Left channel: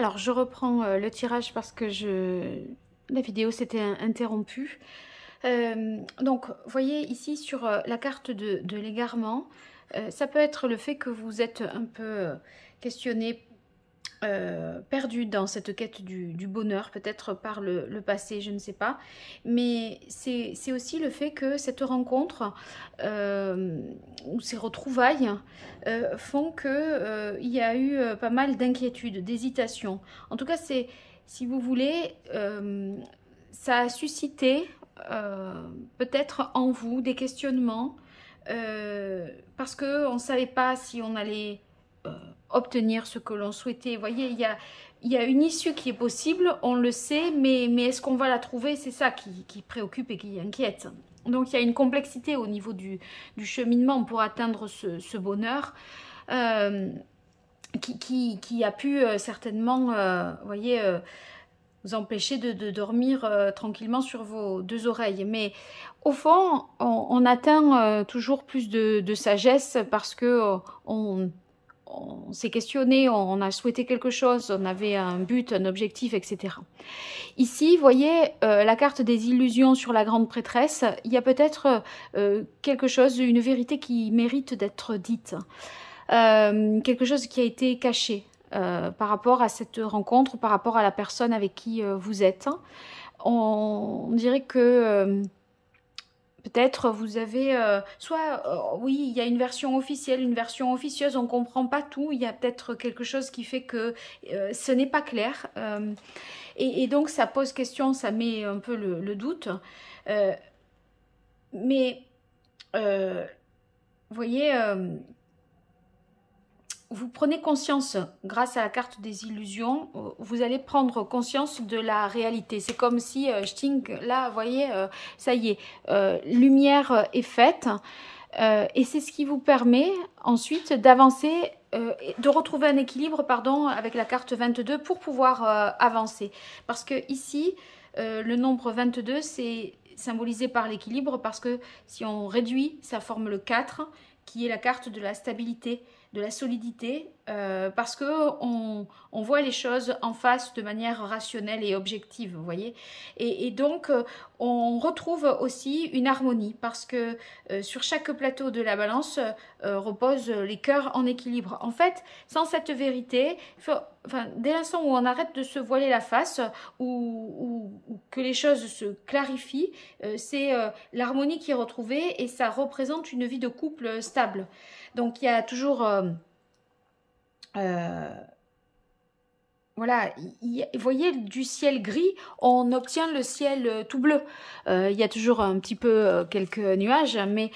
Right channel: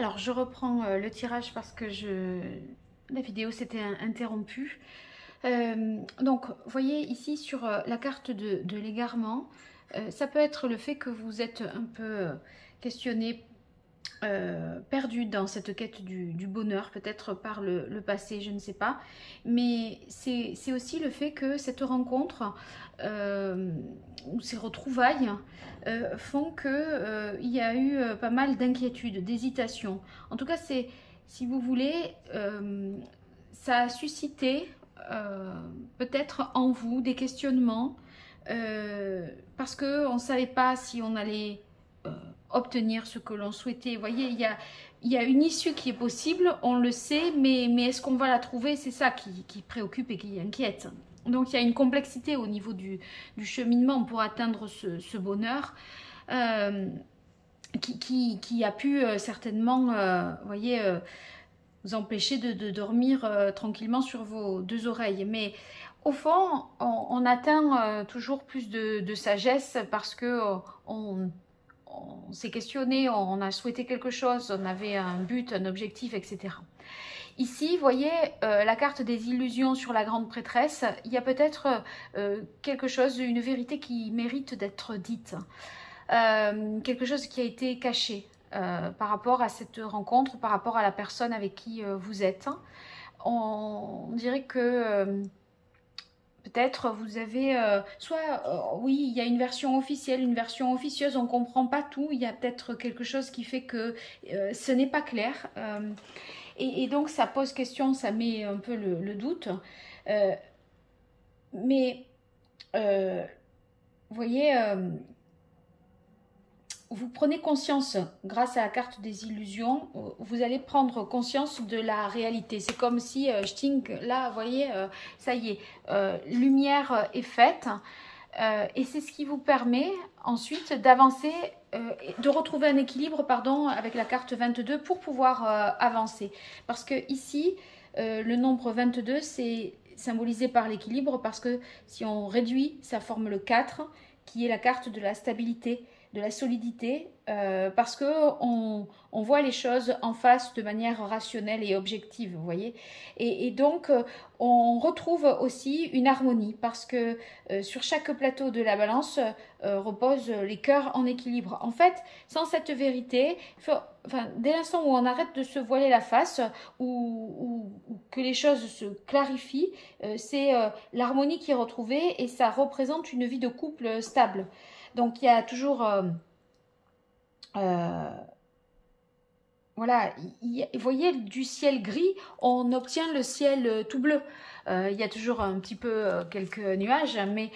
Alors, je reprends le tirage parce que la vidéo s'était interrompue. Donc, vous voyez ici sur la carte de l'égarement, ça peut être le fait que vous êtes un peu questionné, perdu dans cette quête du bonheur, peut-être par le passé, je ne sais pas. Mais c'est aussi le fait que cette rencontre ou ces retrouvailles font que il y a eu pas mal d'inquiétudes, d'hésitations. En tout cas, si vous voulez, ça a suscité peut-être en vous des questionnements parce qu'on ne savait pas si on allait obtenir ce que l'on souhaitait. Vous voyez, il y a une issue qui est possible, on le sait, mais est-ce qu'on va la trouver? C'est ça qui préoccupe et qui inquiète. Donc il y a une complexité au niveau du cheminement pour atteindre ce bonheur qui a pu certainement, vous voyez, vous empêcher de dormir tranquillement sur vos deux oreilles. Mais au fond, on atteint toujours plus de sagesse parce que on s'est questionné, on a souhaité quelque chose, on avait un but, un objectif, etc. Ici, vous voyez, la carte des illusions sur la grande prêtresse, il y a peut-être quelque chose, une vérité qui mérite d'être dite, quelque chose qui a été caché par rapport à cette rencontre, par rapport à la personne avec qui vous êtes. On dirait que peut-être vous avez, oui, il y a une version officielle, une version officieuse, on ne comprend pas tout, il y a peut-être quelque chose qui fait que ce n'est pas clair. Et donc ça pose question, ça met un peu le doute. Mais, vous voyez, vous prenez conscience, grâce à la carte des illusions, vous allez prendre conscience de la réalité. C'est comme si, là, vous voyez, ça y est, lumière est faite. Et c'est ce qui vous permet ensuite d'avancer, de retrouver un équilibre, pardon, avec la carte 22 pour pouvoir avancer. Parce que ici, le nombre 22, c'est symbolisé par l'équilibre, parce que si on réduit, ça forme le 4, qui est la carte de la stabilité, de la solidité, parce que on voit les choses en face de manière rationnelle et objective, vous voyez. Et donc, on retrouve aussi une harmonie, parce que sur chaque plateau de la balance reposent les cœurs en équilibre. En fait, sans cette vérité, dès l'instant où on arrête de se voiler la face, ou que les choses se clarifient, c'est l'harmonie qui est retrouvée et ça représente une vie de couple stable. Donc, il y a toujours, voilà, vous voyez, du ciel gris, on obtient le ciel tout bleu. Il y a toujours un petit peu quelques nuages, mais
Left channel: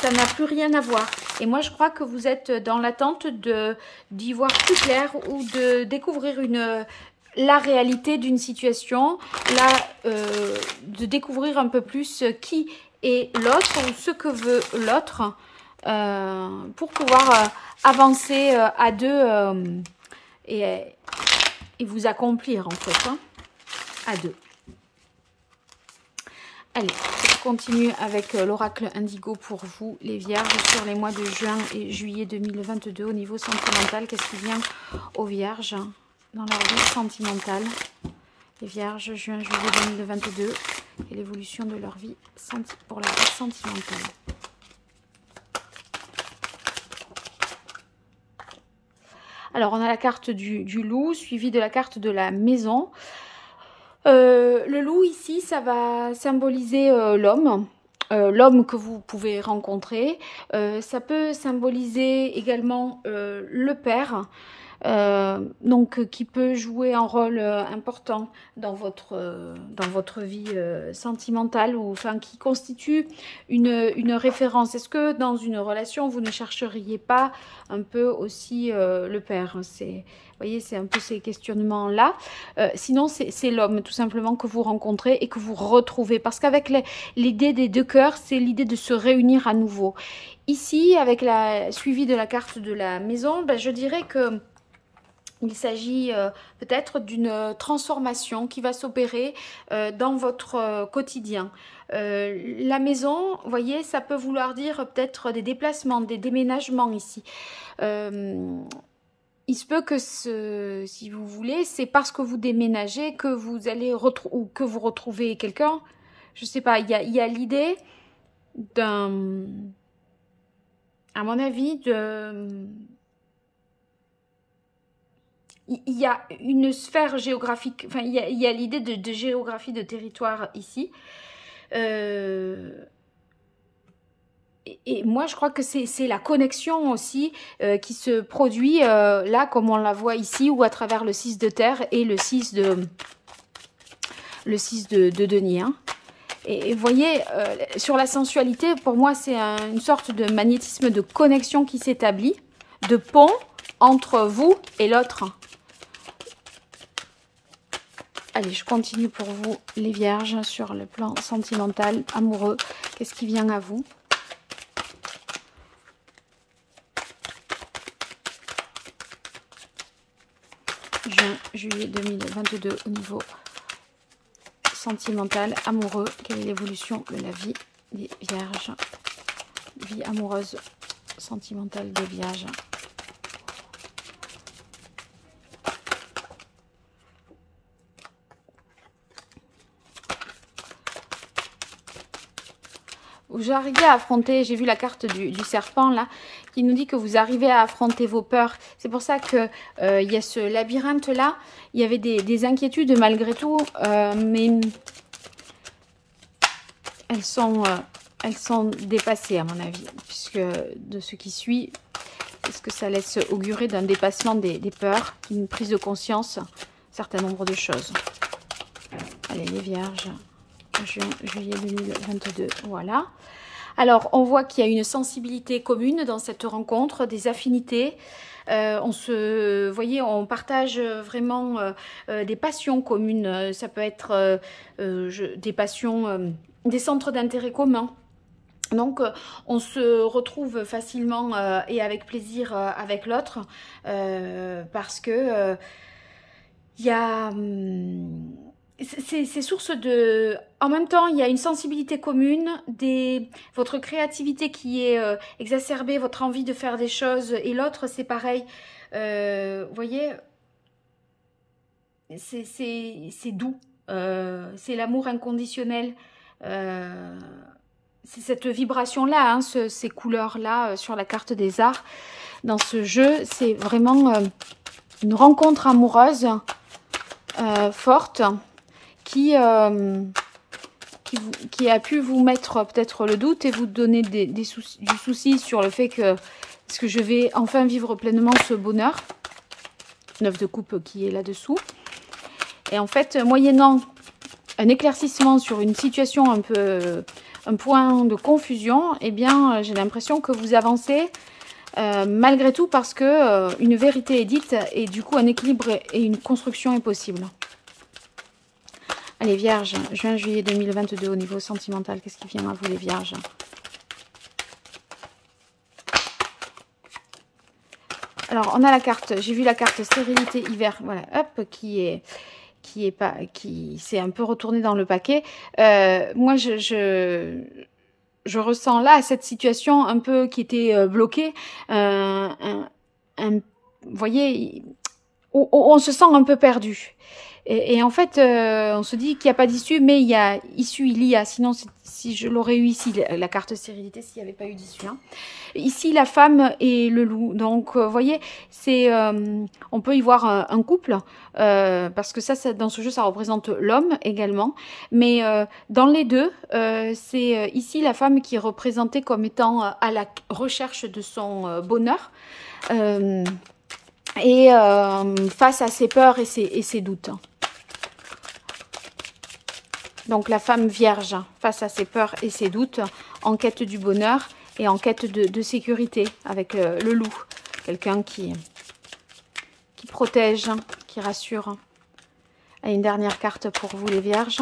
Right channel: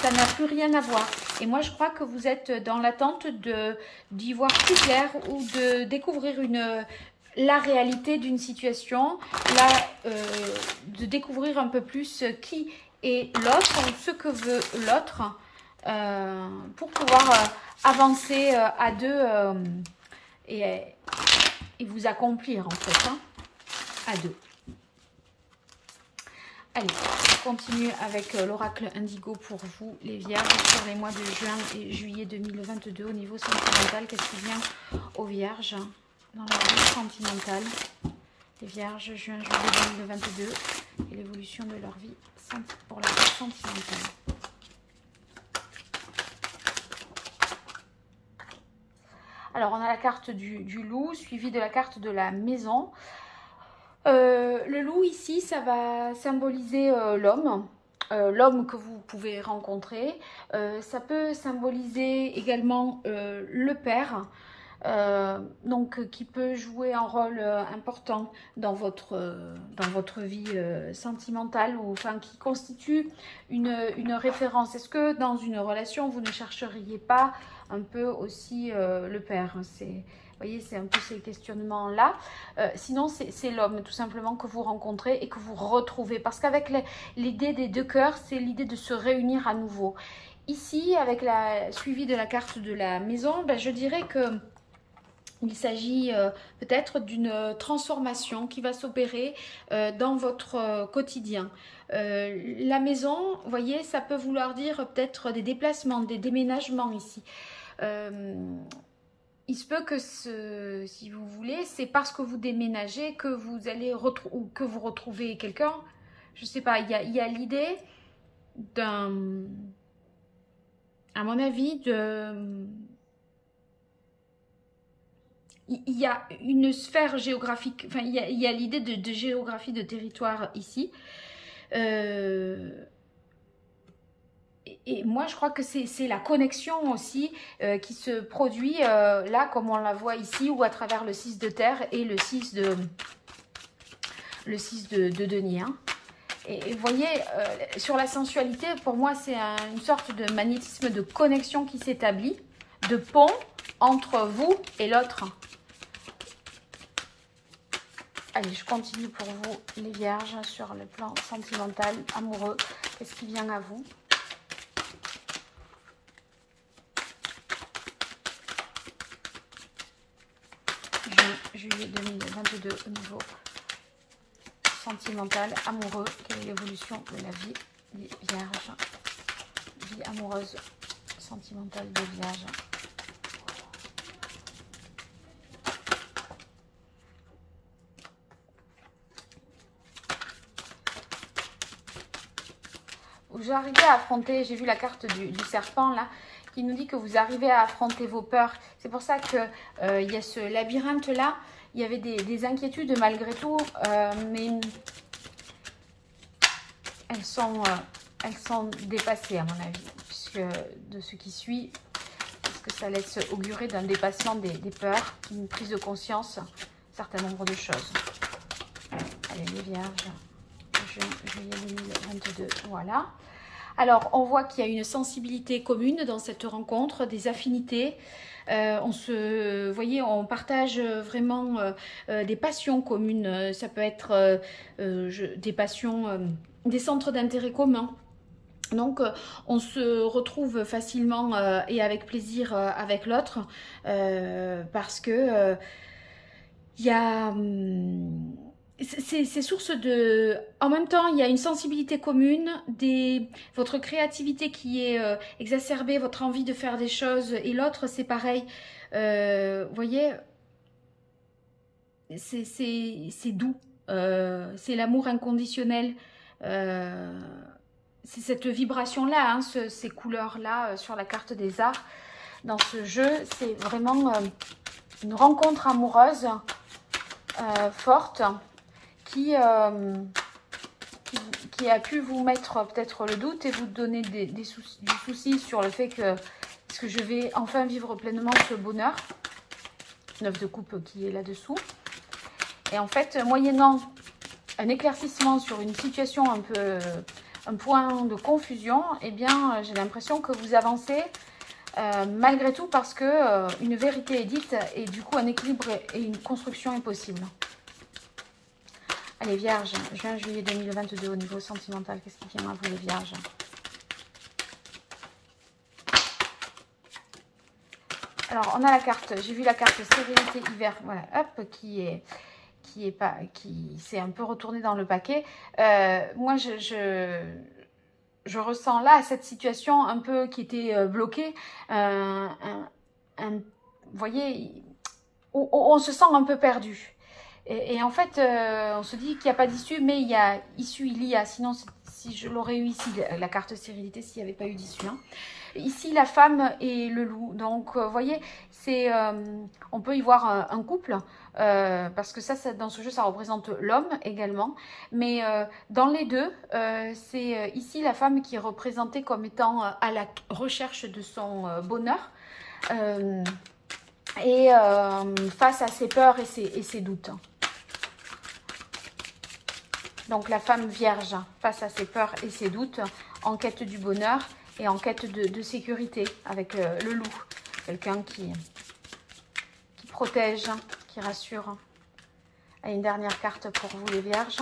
ça n'a plus rien à voir. Et moi, je crois que vous êtes dans l'attente d'y voir plus clair ou de découvrir la réalité d'une situation, de découvrir un peu plus qui est l'autre ou ce que veut l'autre. Pour pouvoir avancer à deux et vous accomplir en fait, hein, à deux. Allez, on continue avec l'oracle indigo pour vous les vierges sur les mois de juin et juillet 2022 au niveau sentimental. Qu'est-ce qui vient aux vierges dans leur vie sentimentale? Les vierges, juin, juillet 2022 et l'évolution de leur vie pour la vie sentimentale. Alors, on a la carte du loup, suivie de la carte de la maison. Le loup, ici, ça va symboliser l'homme. L'homme que vous pouvez rencontrer. Ça peut symboliser également le père. Donc, qui peut jouer un rôle important dans votre vie sentimentale, ou enfin qui constitue une référence. Est-ce que dans une relation, vous ne chercheriez pas un peu aussi le père? Vous voyez, c'est un peu ces questionnements-là. Sinon, c'est l'homme, tout simplement, que vous rencontrez et que vous retrouvez. Parce qu'avec l'idée des deux cœurs, c'est l'idée de se réunir à nouveau. Ici, avec la suivi de la carte de la maison, ben, je dirais que il s'agit peut-être d'une transformation qui va s'opérer dans votre quotidien. La maison, vous voyez, ça peut vouloir dire peut-être des déplacements, des déménagements ici. il se peut que, si vous voulez, c'est parce que vous déménagez que vous allez ou que vous retrouvez quelqu'un. Je sais pas, il y a l'idée d'un, à mon avis, il y a une sphère géographique, enfin, il y a l'idée de géographie de territoire ici. Et moi, je crois que c'est la connexion aussi qui se produit là, comme on la voit ici, ou à travers le 6 de terre et le 6 de denier. Hein. Et vous voyez, sur la sensualité, pour moi, c'est une sorte de magnétisme de connexion qui s'établit, de pont entre vous et l'autre. Allez, je continue pour vous, les vierges, sur le plan sentimental, amoureux. Qu'est-ce qui vient à vous? Juin, juillet 2022 au niveau sentimental, amoureux. Quelle est l'évolution de la vie des vierges? Vie amoureuse sentimentale des vierges. Vous arrivez à affronter, j'ai vu la carte du serpent là, qui nous dit que vous arrivez à affronter vos peurs. C'est pour ça que il y a ce labyrinthe là, il y avait des inquiétudes malgré tout, mais elles sont dépassées à mon avis, puisque de ce qui suit, est-ce que ça laisse augurer d'un dépassement des peurs, une prise de conscience, un certain nombre de choses. Allez les vierges, juin, juillet 2022, voilà. Alors, on voit qu'il y a une sensibilité commune dans cette rencontre, des affinités. Vous voyez, on partage vraiment des passions communes. Ça peut être des passions, des centres d'intérêt communs. Donc, on se retrouve facilement et avec plaisir avec l'autre parce que il y a... C'est source de... En même temps, il y a une sensibilité commune, votre créativité qui est exacerbée, votre envie de faire des choses, et l'autre, c'est pareil. Vous voyez, c'est doux, c'est l'amour inconditionnel, c'est cette vibration-là, hein, ces couleurs-là sur la carte des arts. Dans ce jeu, c'est vraiment une rencontre amoureuse forte, qui a pu vous mettre peut-être le doute et vous donner du souci sur le fait que est-ce que je vais enfin vivre pleinement ce bonheur. 9 de coupe qui est là-dessous. Et en fait, moyennant un éclaircissement sur une situation un point de confusion, eh bien, j'ai l'impression que vous avancez malgré tout parce que une vérité est dite et du coup un équilibre et une construction est possible. Allez, vierges, juin, juillet 2022 au niveau sentimental, qu'est-ce qui vient à vous les vierges? Alors, on a la carte, j'ai vu la carte stérilité hiver, voilà, hop, qui s'est un peu retournée dans le paquet. Moi, je ressens là cette situation un peu qui était bloquée, vous voyez, où on se sent un peu perdu. Et en fait, on se dit qu'il n'y a pas d'issue, mais il y a issue, sinon si je l'aurais eu ici, la carte stérilité, s'il n'y avait pas eu d'issue. Hein. Ici, la femme et le loup. Donc, vous voyez, on peut y voir un couple, parce que ça, dans ce jeu, ça représente l'homme également. Mais dans les deux, c'est ici la femme qui est représentée comme étant à la recherche de son bonheur. Et face à ses peurs et ses doutes. Donc la femme vierge face à ses peurs et ses doutes, en quête du bonheur et en quête de sécurité avec le loup. Quelqu'un qui protège, qui rassure. Et une dernière carte pour vous les vierges.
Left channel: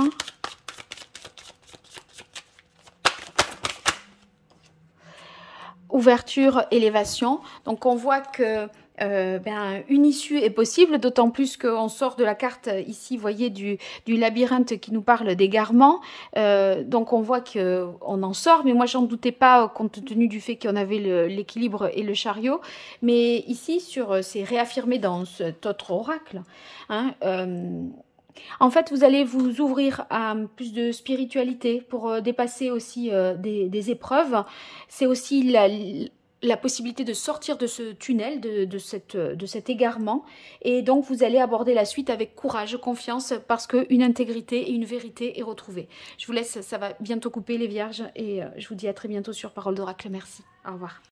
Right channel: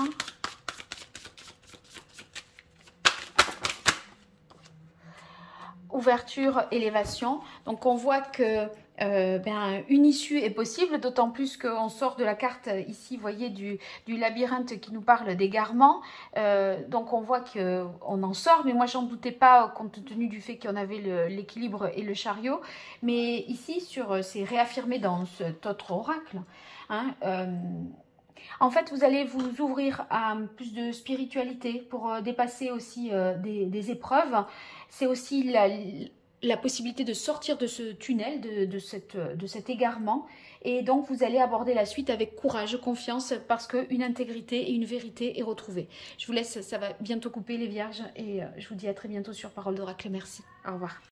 Ouverture, élévation. Donc on voit que une issue est possible, d'autant plus qu'on sort de la carte ici, vous voyez, du labyrinthe qui nous parle d'égarement. Donc on voit qu'on en sort, mais moi j'en doutais pas compte tenu du fait qu'on avait l'équilibre et le chariot. Mais ici, c'est réaffirmé dans cet autre oracle. Hein, en fait, vous allez vous ouvrir à plus de spiritualité pour dépasser aussi des épreuves. C'est aussi la possibilité de sortir de ce tunnel, de cet égarement. Et donc, vous allez aborder la suite avec courage, confiance, parce qu'une intégrité et une vérité est retrouvée. Je vous laisse, ça va bientôt couper les vierges. Et je vous dis à très bientôt sur Parole d'Oracle. Merci. Au revoir.